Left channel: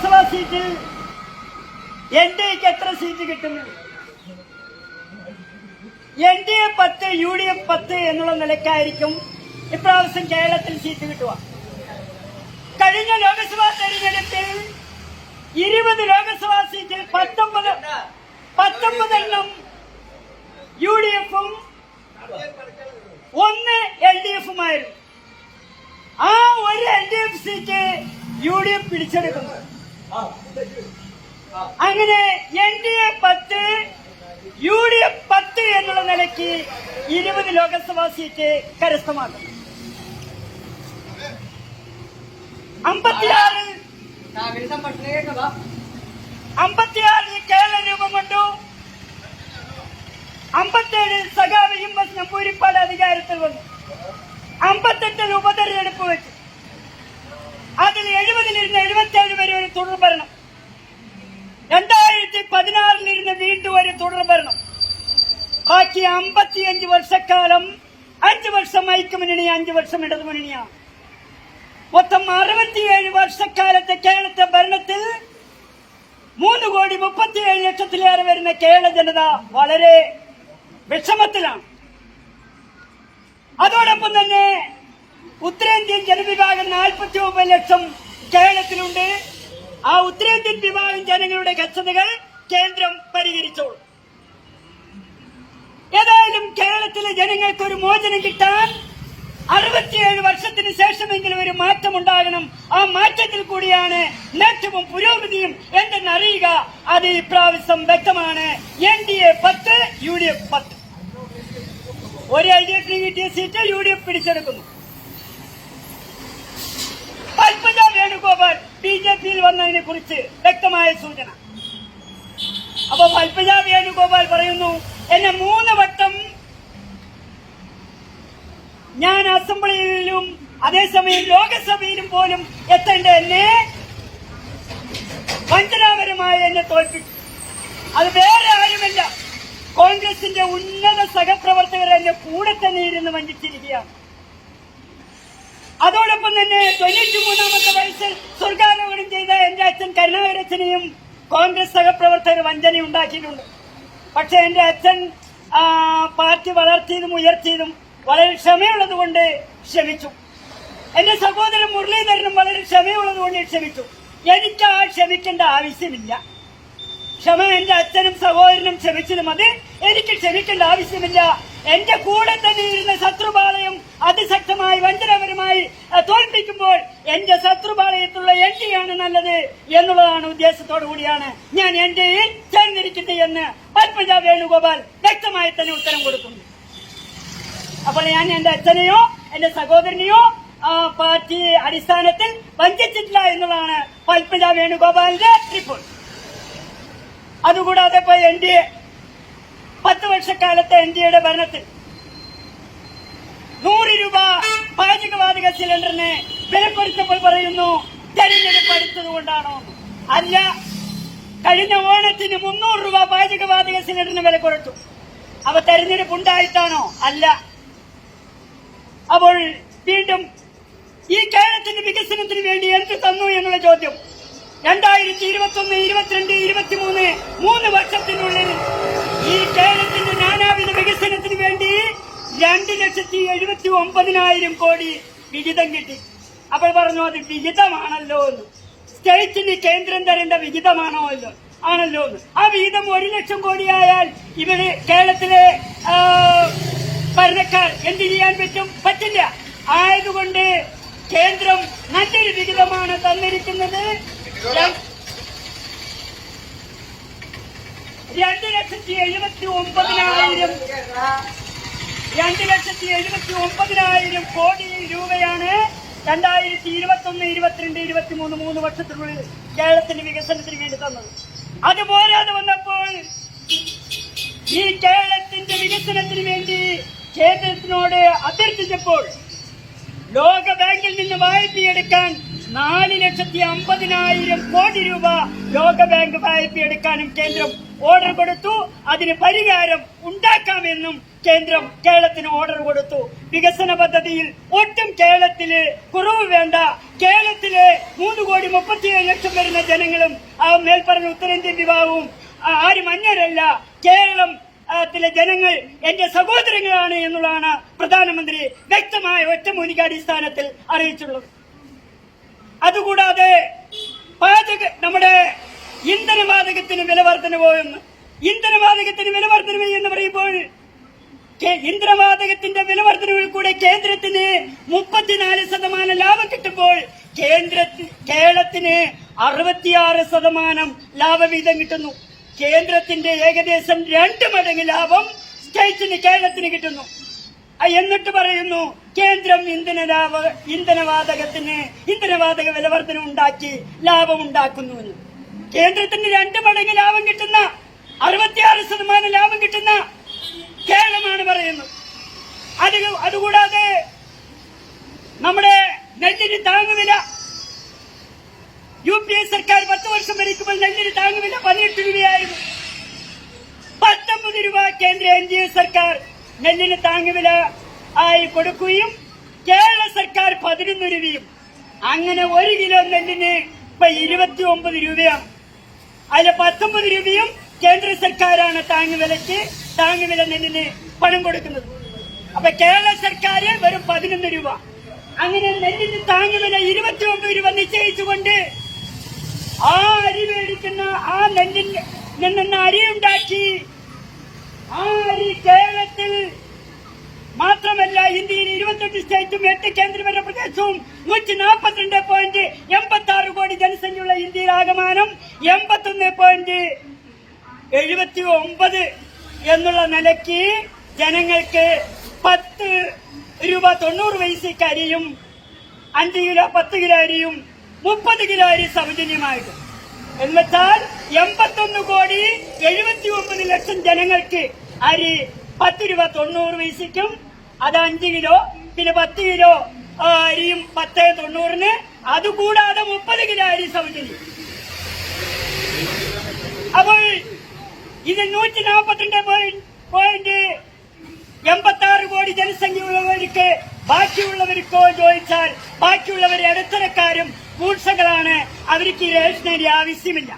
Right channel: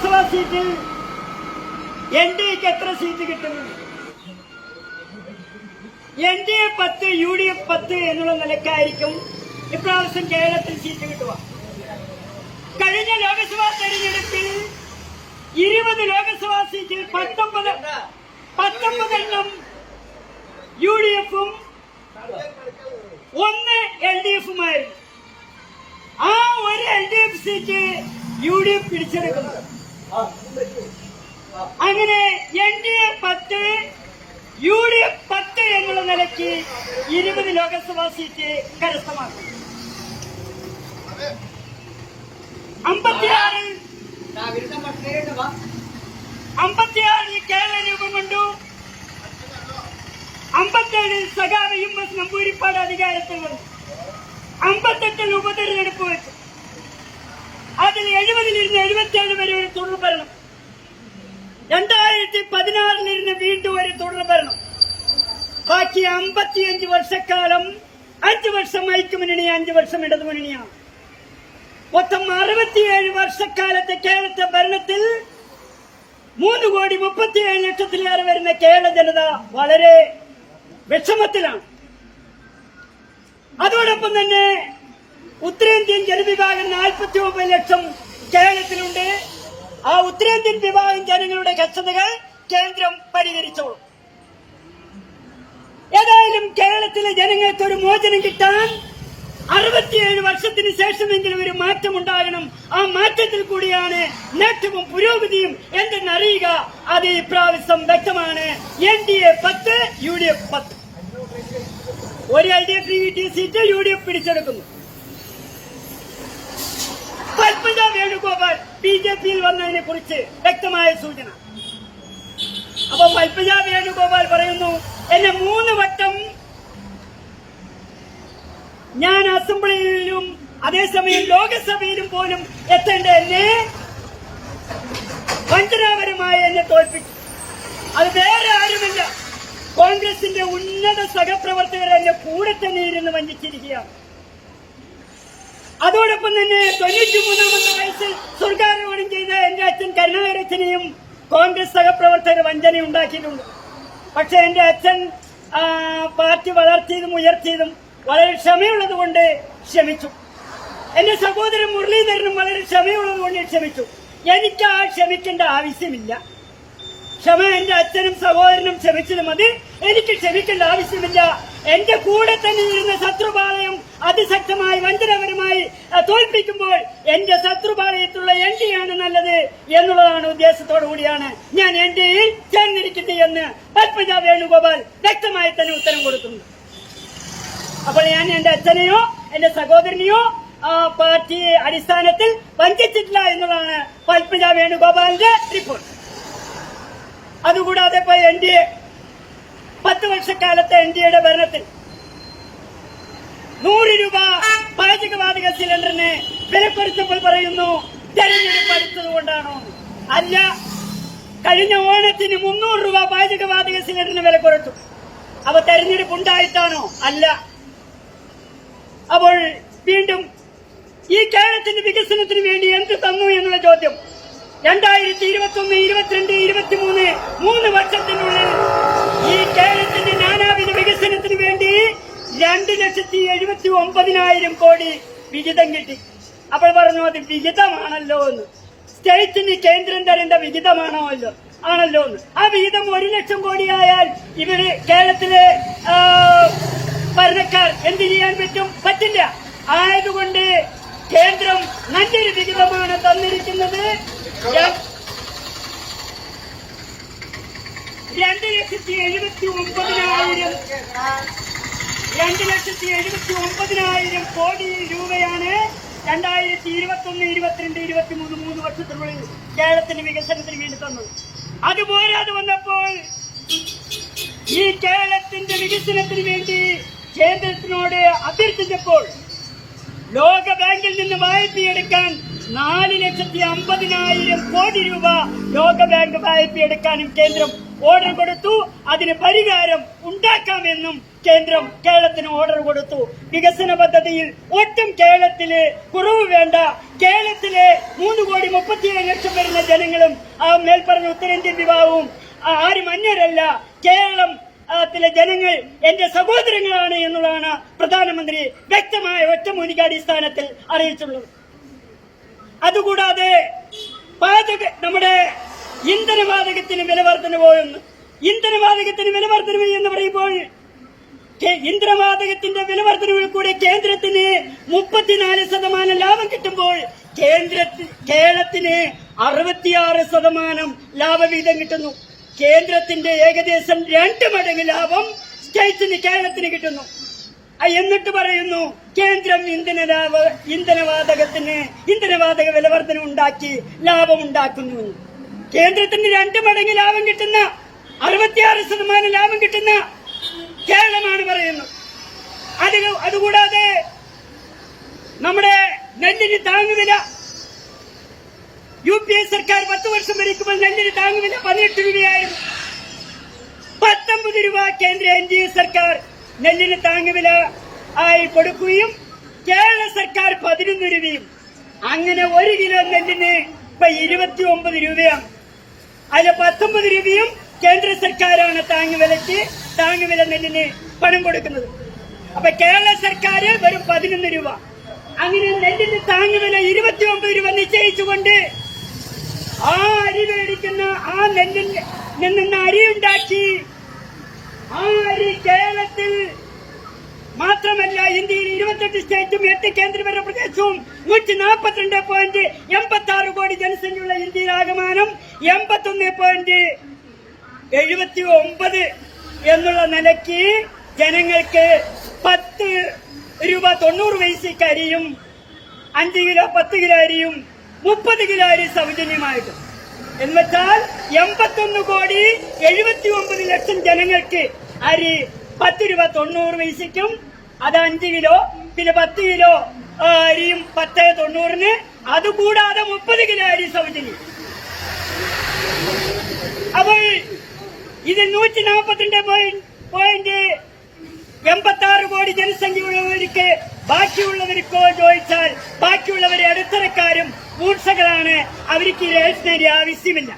ലോക്സഭാ സീറ്റിൽ N D എക്ക് എത്ര സീറ്റ് കിട്ടുന്നുണ്ട് എൻ ഡി എ പത്ത് യു ഡി എഫ് പത്ത് എന്നുള്ള നിലക്കായിരിക്കും ഇപ്രാവശ്യം കേരളത്തിൽ സീറ്റ് കിട്ടുക. കഴിഞ്ഞ ലോക്സഭാ തെരഞ്ഞെടുപ്പിൽ ഇരുപത് ലോക്സഭാ സീറ്റിൽ പത്തൊമ്പത് പത്തൊമ്പതെണ്ണം യു ഡി എഫും ഒന്ന് എൽ ഡി എഫുമായിരുന്നു ആ ഒരു L D F seat U D F പിടിച്ചെടുക്കുന്നു. അങ്ങനെ എൻ ഡി എ പത്ത് യു ഡി എഫ് പത്ത് എന്നുള്ള നിലയ്ക്ക് ഇരുപത് ലോക്സഭാ സീറ്റ് കരസ്ഥമാക്കും. അമ്പത്തിയാറിൽ അമ്പത്തിയാറിൽ കേരള രൂപം കൊണ്ടു. അമ്പത്തേഴിൽ സഖാവ് എം എസ് നമ്പൂരിപ്പാട് അധികാരത്തിൽ വന്നു. അമ്പത്തെട്ടിൽ ഉപതെരഞ്ഞെടുപ്പ് വെച്ചു. അതിൽ എഴുപതിലിരുന്ന് എഴുപത്തിയേഴ് വരെ ഒരു തുടർ ഭരണം. രണ്ടായിരത്തി പതിനാറിലിരുന്ന് വീണ്ടും ഒരു തുടർ ഭരണം. ബാക്കി അമ്പത്തിയഞ്ച് വർഷക്കാലം അഞ്ചു വർഷം ഐക്യമുന്നണി അഞ്ചു വർഷം ഇടതുമുന്നണിയാണ്. മൊത്തം അറുപത്തിയേഴ് വർഷക്കാലത്തെ കേരളത്തെ ഭരണത്തിൽ മൂന്ന് കോടി മുപ്പത്തിയേഴ് ലക്ഷത്തിലേറെ വരുന്ന കേരള ജനത വളരെ വിഷമത്തിലാണ്. അതോടൊപ്പം തന്നെ ഉത്തരേന്ത്യൻ ജനവിഭാഗം നാൽപ്പത്തി ഒമ്പത് ലക്ഷം കേരളത്തിലുണ്ട്. ആ ഉത്തരേന്ത്യൻ വിഭാഗം ജനങ്ങളുടെ കഷ്ടതകൾ കേന്ദ്രം പരിഹരിച്ചോളും. ഏതായാലും കേരളത്തിലെ ജനങ്ങൾക്ക് ഒരു മോചനം കിട്ടാൻ അറുപത്തിയേഴ് വർഷത്തിന് ശേഷമെങ്കിലും ഒരു മാറ്റം ഉണ്ടാകണം ആ മാറ്റത്തിൽ കൂടിയാണ് മാറ്റവും പുരോഗതിയും എന്തെന്ന് അറിയുക അത് ഈ പ്രാവശ്യം വ്യക്തമാണ്. എൻ ഡി എ പത്ത് യു ഡി എഫ് പത്ത്. ഒരു എൽ ഡി എഫിന് കിട്ടിയ സീറ്റ് യു ഡി എഫ് പിടിച്ചെടുക്കുന്നു പത്മജ വേണുഗോപാൽ ബി ജെ പിയിൽ വന്നതിനെ കുറിച്ച് വ്യക്തമായ സൂചന. അപ്പൊ പൽപ്പജ വേണുഗോപാൽ പറയുന്നു എന്നെ മൂന്ന് വട്ടം ഞാൻ അസംബ്ലിയിലും അതേസമയം ലോകസഭയിലും പോലും എത്തേണ്ട എന്നെ വഞ്ചനാപരമായി എന്നെ തോൽപ്പിച്ചു അത് വേറെ ആരുമല്ല. കോൺഗ്രസിന്റെ ഉന്നത സഹപ്രവർത്തകർ എന്റെ കൂടെ തന്നെ ഇരുന്ന് വഞ്ചിച്ചിരിക്കുകയാണ്. അതോടൊപ്പം തന്നെ തൊണ്ണൂറ്റി മൂന്നാമത്തെ വയസ്സിൽ സ്വർഗാരോപണം ചെയ്ത എന്റെ അച്ഛൻ കരുണാകരച്ചനെയും കോൺഗ്രസ് സഹപ്രവർത്തകർ വഞ്ചന ഉണ്ടാക്കിയിട്ടുണ്ട്. പക്ഷെ എന്റെ അച്ഛൻ പാർട്ടി വളർത്തിയതും ഉയർത്തിയതും വളരെ ക്ഷമയുള്ളതുകൊണ്ട് ക്ഷമിച്ചു. എന്റെ സഹോദരൻ മുരളീധരനും വളരെ ക്ഷമയുള്ളതുകൊണ്ട് ക്ഷമിച്ചു. എനിക്ക് ആ ക്ഷമിക്കേണ്ട ആവശ്യമില്ല. ക്ഷമ എന്റെ അച്ഛനും സഹോദരനും ക്ഷമിച്ചത് മതി. എനിക്ക് ക്ഷമിക്കേണ്ട ആവശ്യമില്ല. എന്റെ കൂടെ തന്നെ ഇരുന്ന ശത്രുപാളയം അതിശക്തമായി വഞ്ചനപരമായി തോൽപ്പിക്കുമ്പോൾ എന്റെ ശത്രുപാളയത്തുള്ള എൻ ഡി ആണ് നല്ലത് എന്നുള്ളതാണ് ഉദ്ദേശത്തോടു കൂടിയാണ് ഞാൻ എൻ ഡിയിൽ ചേർന്നിരിക്കുന്നത് എന്ന് പത്മജ വേണുഗോപാൽ വ്യക്തമായി തന്നെ ഉത്തരം കൊടുക്കുന്നു. അപ്പോൾ ഞാൻ എന്റെ അച്ഛനെയോ എന്റെ സഹോദരനെയോ ആ പാർട്ടി അടിസ്ഥാനത്തിൽ വഞ്ചിച്ചിട്ടില്ല എന്നുള്ളതാണ് പത്മജ വേണുഗോപാലിന്റെ റിപ്പോർട്ട് അതുകൂടാതെ പോയി എൻ ഡി എ പത്ത് വർഷക്കാലത്തെ എൻ ഡി എയുടെ ഭരണത്തിൽ നൂറ് രൂപ പാചകവാതക സിലിണ്ടറിന് വിലപ്പെടുത്തപ്പോൾ പറയുന്നു തെരഞ്ഞെടുപ്പ് അല്ല കഴിഞ്ഞ ഓണത്തിന് മുന്നൂറ് രൂപ പാചകവാതക സിലിണ്ടറിന് വില കുറച്ചു അവ തെരഞ്ഞെടുപ്പ് ഉണ്ടായിട്ടാണോ അല്ല. അപ്പോൾ വീണ്ടും ഈ കേരളത്തിന്റെ വികസനത്തിന് വേണ്ടി എന്ത് തന്നു എന്നുള്ള ചോദ്യം. രണ്ടായിരത്തി ഇരുപത്തി ഒന്ന് ഇരുപത്തിരണ്ട് ഇരുപത്തിമൂന്ന് മൂന്ന് വർഷത്തിനുള്ളിൽ ഈ കേരളത്തിന്റെ നാനാവിധ വികസനത്തിന് വേണ്ടി രണ്ട് ലക്ഷത്തി എഴുപത്തി ഒമ്പതിനായിരം കോടി വിഹിതം കിട്ടി. അപ്പോൾ പറഞ്ഞു അത് വിഹിതമാണല്ലോ എന്ന്. സ്റ്റേറ്റിന് കേന്ദ്രം തരേണ്ട വിഹിതമാണോ അല്ലോ? ആണല്ലോ എന്ന്. ആ വിഹിതം ഒരു ലക്ഷം കോടിയായാൽ ഇവർ കേരളത്തിലെ ഭരണക്കാർ എന്ത് ചെയ്യാൻ പറ്റും? പറ്റില്ല. ആയതുകൊണ്ട് കേന്ദ്രം നല്ലൊരു വിഹിതമാണ് തന്നിരിക്കുന്നത്. രണ്ട് ലക്ഷത്തി എഴുപത്തി ഒമ്പതിനായിരം രണ്ട് ലക്ഷത്തി എഴുപത്തി ഒമ്പതിനായിരം കോടി രൂപയാണ് രണ്ടായിരത്തി ഇരുപത്തി ഒന്ന് ഇരുപത്തിരണ്ട് ഇരുപത്തിമൂന്ന് മൂന്ന് വർഷത്തിനുള്ളിൽ കേരളത്തിന്റെ വികസനത്തിന് വേണ്ടി തന്നത്. അതുപോരാതെ വന്നപ്പോൾ ഈ കേരളത്തിന്റെ വികസനത്തിന് വേണ്ടി കേന്ദ്രത്തിനോട് അഭ്യർത്ഥിച്ചപ്പോൾ ലോക ബാങ്കിൽ നിന്ന് വായ്പയെടുക്കാൻ നാല് ലക്ഷത്തി അമ്പതിനായിരം കോടി രൂപ ലോക ബാങ്ക് വായ്പയെടുക്കാനും കേന്ദ്രം ഓർഡർ കൊടുത്തു. അതിന് പരിഹാരം ഉണ്ടാക്കാമെന്നും കേന്ദ്രം കേരളത്തിന് ഓർഡർ കൊടുത്തു. വികസന പദ്ധതിയിൽ ഒട്ടും കേരളത്തിൽ കുറവ് വേണ്ട. കേരളത്തിലെ മൂന്ന് കോടി മുപ്പത്തിയേഴ് ലക്ഷം വരുന്ന ജനങ്ങളും ആ മേൽപ്പറഞ്ഞ ഉത്തരേന്ത്യൻ വിഭാഗവും ആരും അന്യരല്ല. കേരളം ത്തിലെ ജനങ്ങൾ എന്റെ സഹോദരങ്ങളാണ് എന്നുള്ളതാണ് പ്രധാനമന്ത്രി വ്യക്തമായ ഒറ്റമൂലിക അടിസ്ഥാനത്തിൽ അറിയിച്ചുള്ളത് അതുകൂടാതെ പാചക നമ്മുടെ ഇന്ധനവാതകത്തിന് വില വർധനവോ എന്ന് ഇന്ധനവാതകത്തിന് വില എന്ന് പറയുമ്പോൾ ഇന്ധനവാതകത്തിന്റെ വില കൂടെ കേന്ദ്രത്തിന് മുപ്പത്തിനാല് ശതമാനം ലാഭം കിട്ടുമ്പോൾ കേന്ദ്ര കേരളത്തിന് അറുപത്തിയാറ് ശതമാനം ലാഭവീതം കിട്ടുന്നു. കേന്ദ്രത്തിന്റെ ഏകദേശം രണ്ട് മടങ്ങ് ലാഭം സ്റ്റേറ്റിന് കേരളത്തിന് കിട്ടുന്നു. എന്നിട്ട് പറയുന്നു കേന്ദ്രം ഇന്ധന ഇന്ധനവാതകത്തിന് ഇന്ധനവാതക വിലവർധന ഉണ്ടാക്കി ലാഭം ഉണ്ടാക്കുന്നു. കേന്ദ്രത്തിന് രണ്ട് മടങ്ങ് ലാഭം കിട്ടുന്ന അറുപത്തിയാറ് ശതമാനം ലാഭം കിട്ടുന്ന കേരളമാണ് പറയുന്നത് അതിൽ അതുകൂടാതെ നമ്മുടെ നെല്ലിന് താങ്ങുവില യു പി എ സർക്കാർ പത്ത് വർഷം ഭരിക്കുമ്പോൾ നെല്ലിന് താങ്ങുവില പതിനെട്ട് രൂപയായിരുന്നു പത്തൊമ്പത് രൂപ കേന്ദ്ര എൻ ഡി എ സർക്കാർ നെല്ലിന് താങ്ങുവില ആയി കൊടുക്കുകയും കേരള സർക്കാർ പതിനൊന്ന് രൂപയും അങ്ങനെ ഒരു കിലോ നെല്ലിന് ഇപ്പൊ ഇരുപത്തി ഒമ്പത് രൂപയാണ്. അതിന് പത്തൊമ്പത് രൂപയും കേന്ദ്ര സർക്കാരാണ് താങ്ങുവിലയ്ക്ക് താങ്ങുവില നെല്ലിന് പണം കൊടുക്കുന്നത്. അപ്പൊ കേരള സർക്കാർ വെറും പതിനൊന്ന് രൂപ. അങ്ങനെ നെല്ലിന് താങ്ങുവില ഇരുപത്തി ഒമ്പത് രൂപ നിശ്ചയിച്ചുകൊണ്ട് ആ അരി മേടിക്കുന്ന ആ നെല്ലിൽ നിന്ന് അരി ഉണ്ടാക്കി. ആ അരി കേരളത്തിൽ മാത്രമല്ല ഇന്ത്യയിൽ ഇരുപത്തെട്ട് സ്റ്റേറ്റും എട്ട് കേന്ദ്രഭരണ പ്രദേശവും നൂറ്റി നാൽപ്പത്തിരണ്ട് പോയിന്റ് എൺപത്തി ആറ് കോടി ജനസംഖ്യയുള്ള ഇന്ത്യയിൽ ആകമാനം എൺപത്തൊന്ന് പോയിന്റ് എഴുപത്തി ഒമ്പത് എന്നുള്ള നിലയ്ക്ക് ജനങ്ങൾക്ക് പത്ത് രൂപ തൊണ്ണൂറ് വയസ്സിക്ക് അരിയും അഞ്ച് കിലോ പത്ത് കിലോ അരിയും മുപ്പത് കിലോ അരി സൗജന്യമായിട്ട്. എന്നുവെച്ചാൽ എൺപത്തൊന്ന് കോടി എഴുപത്തി ഒമ്പത് ലക്ഷം ജനങ്ങൾക്ക് അരി പത്ത് രൂപ തൊണ്ണൂറ് പൈസയ്ക്കും അത് അഞ്ച് കിലോ പിന്നെ പത്ത് കിലോ അരിയും പത്ത് തൊണ്ണൂറിന്. അതുകൂടാതെ മുപ്പത് കിലോ അരി സൗജന്യം. അപ്പോൾ ഇത് നൂറ്റി നാൽപ്പത്തിരണ്ട് പോയിന്റ് എൺപത്തി ആറ് കോടി ജനസംഖ്യയുള്ളവർക്ക് ബാക്കിയുള്ളവർക്കോ ചോദിച്ചാൽ ബാക്കിയുള്ളവർ ഇടത്തരക്കാരും മൂർച്ചകളാണ്. അവർക്ക് ഈ രജിസ്റ്റേരി ആവശ്യമില്ല.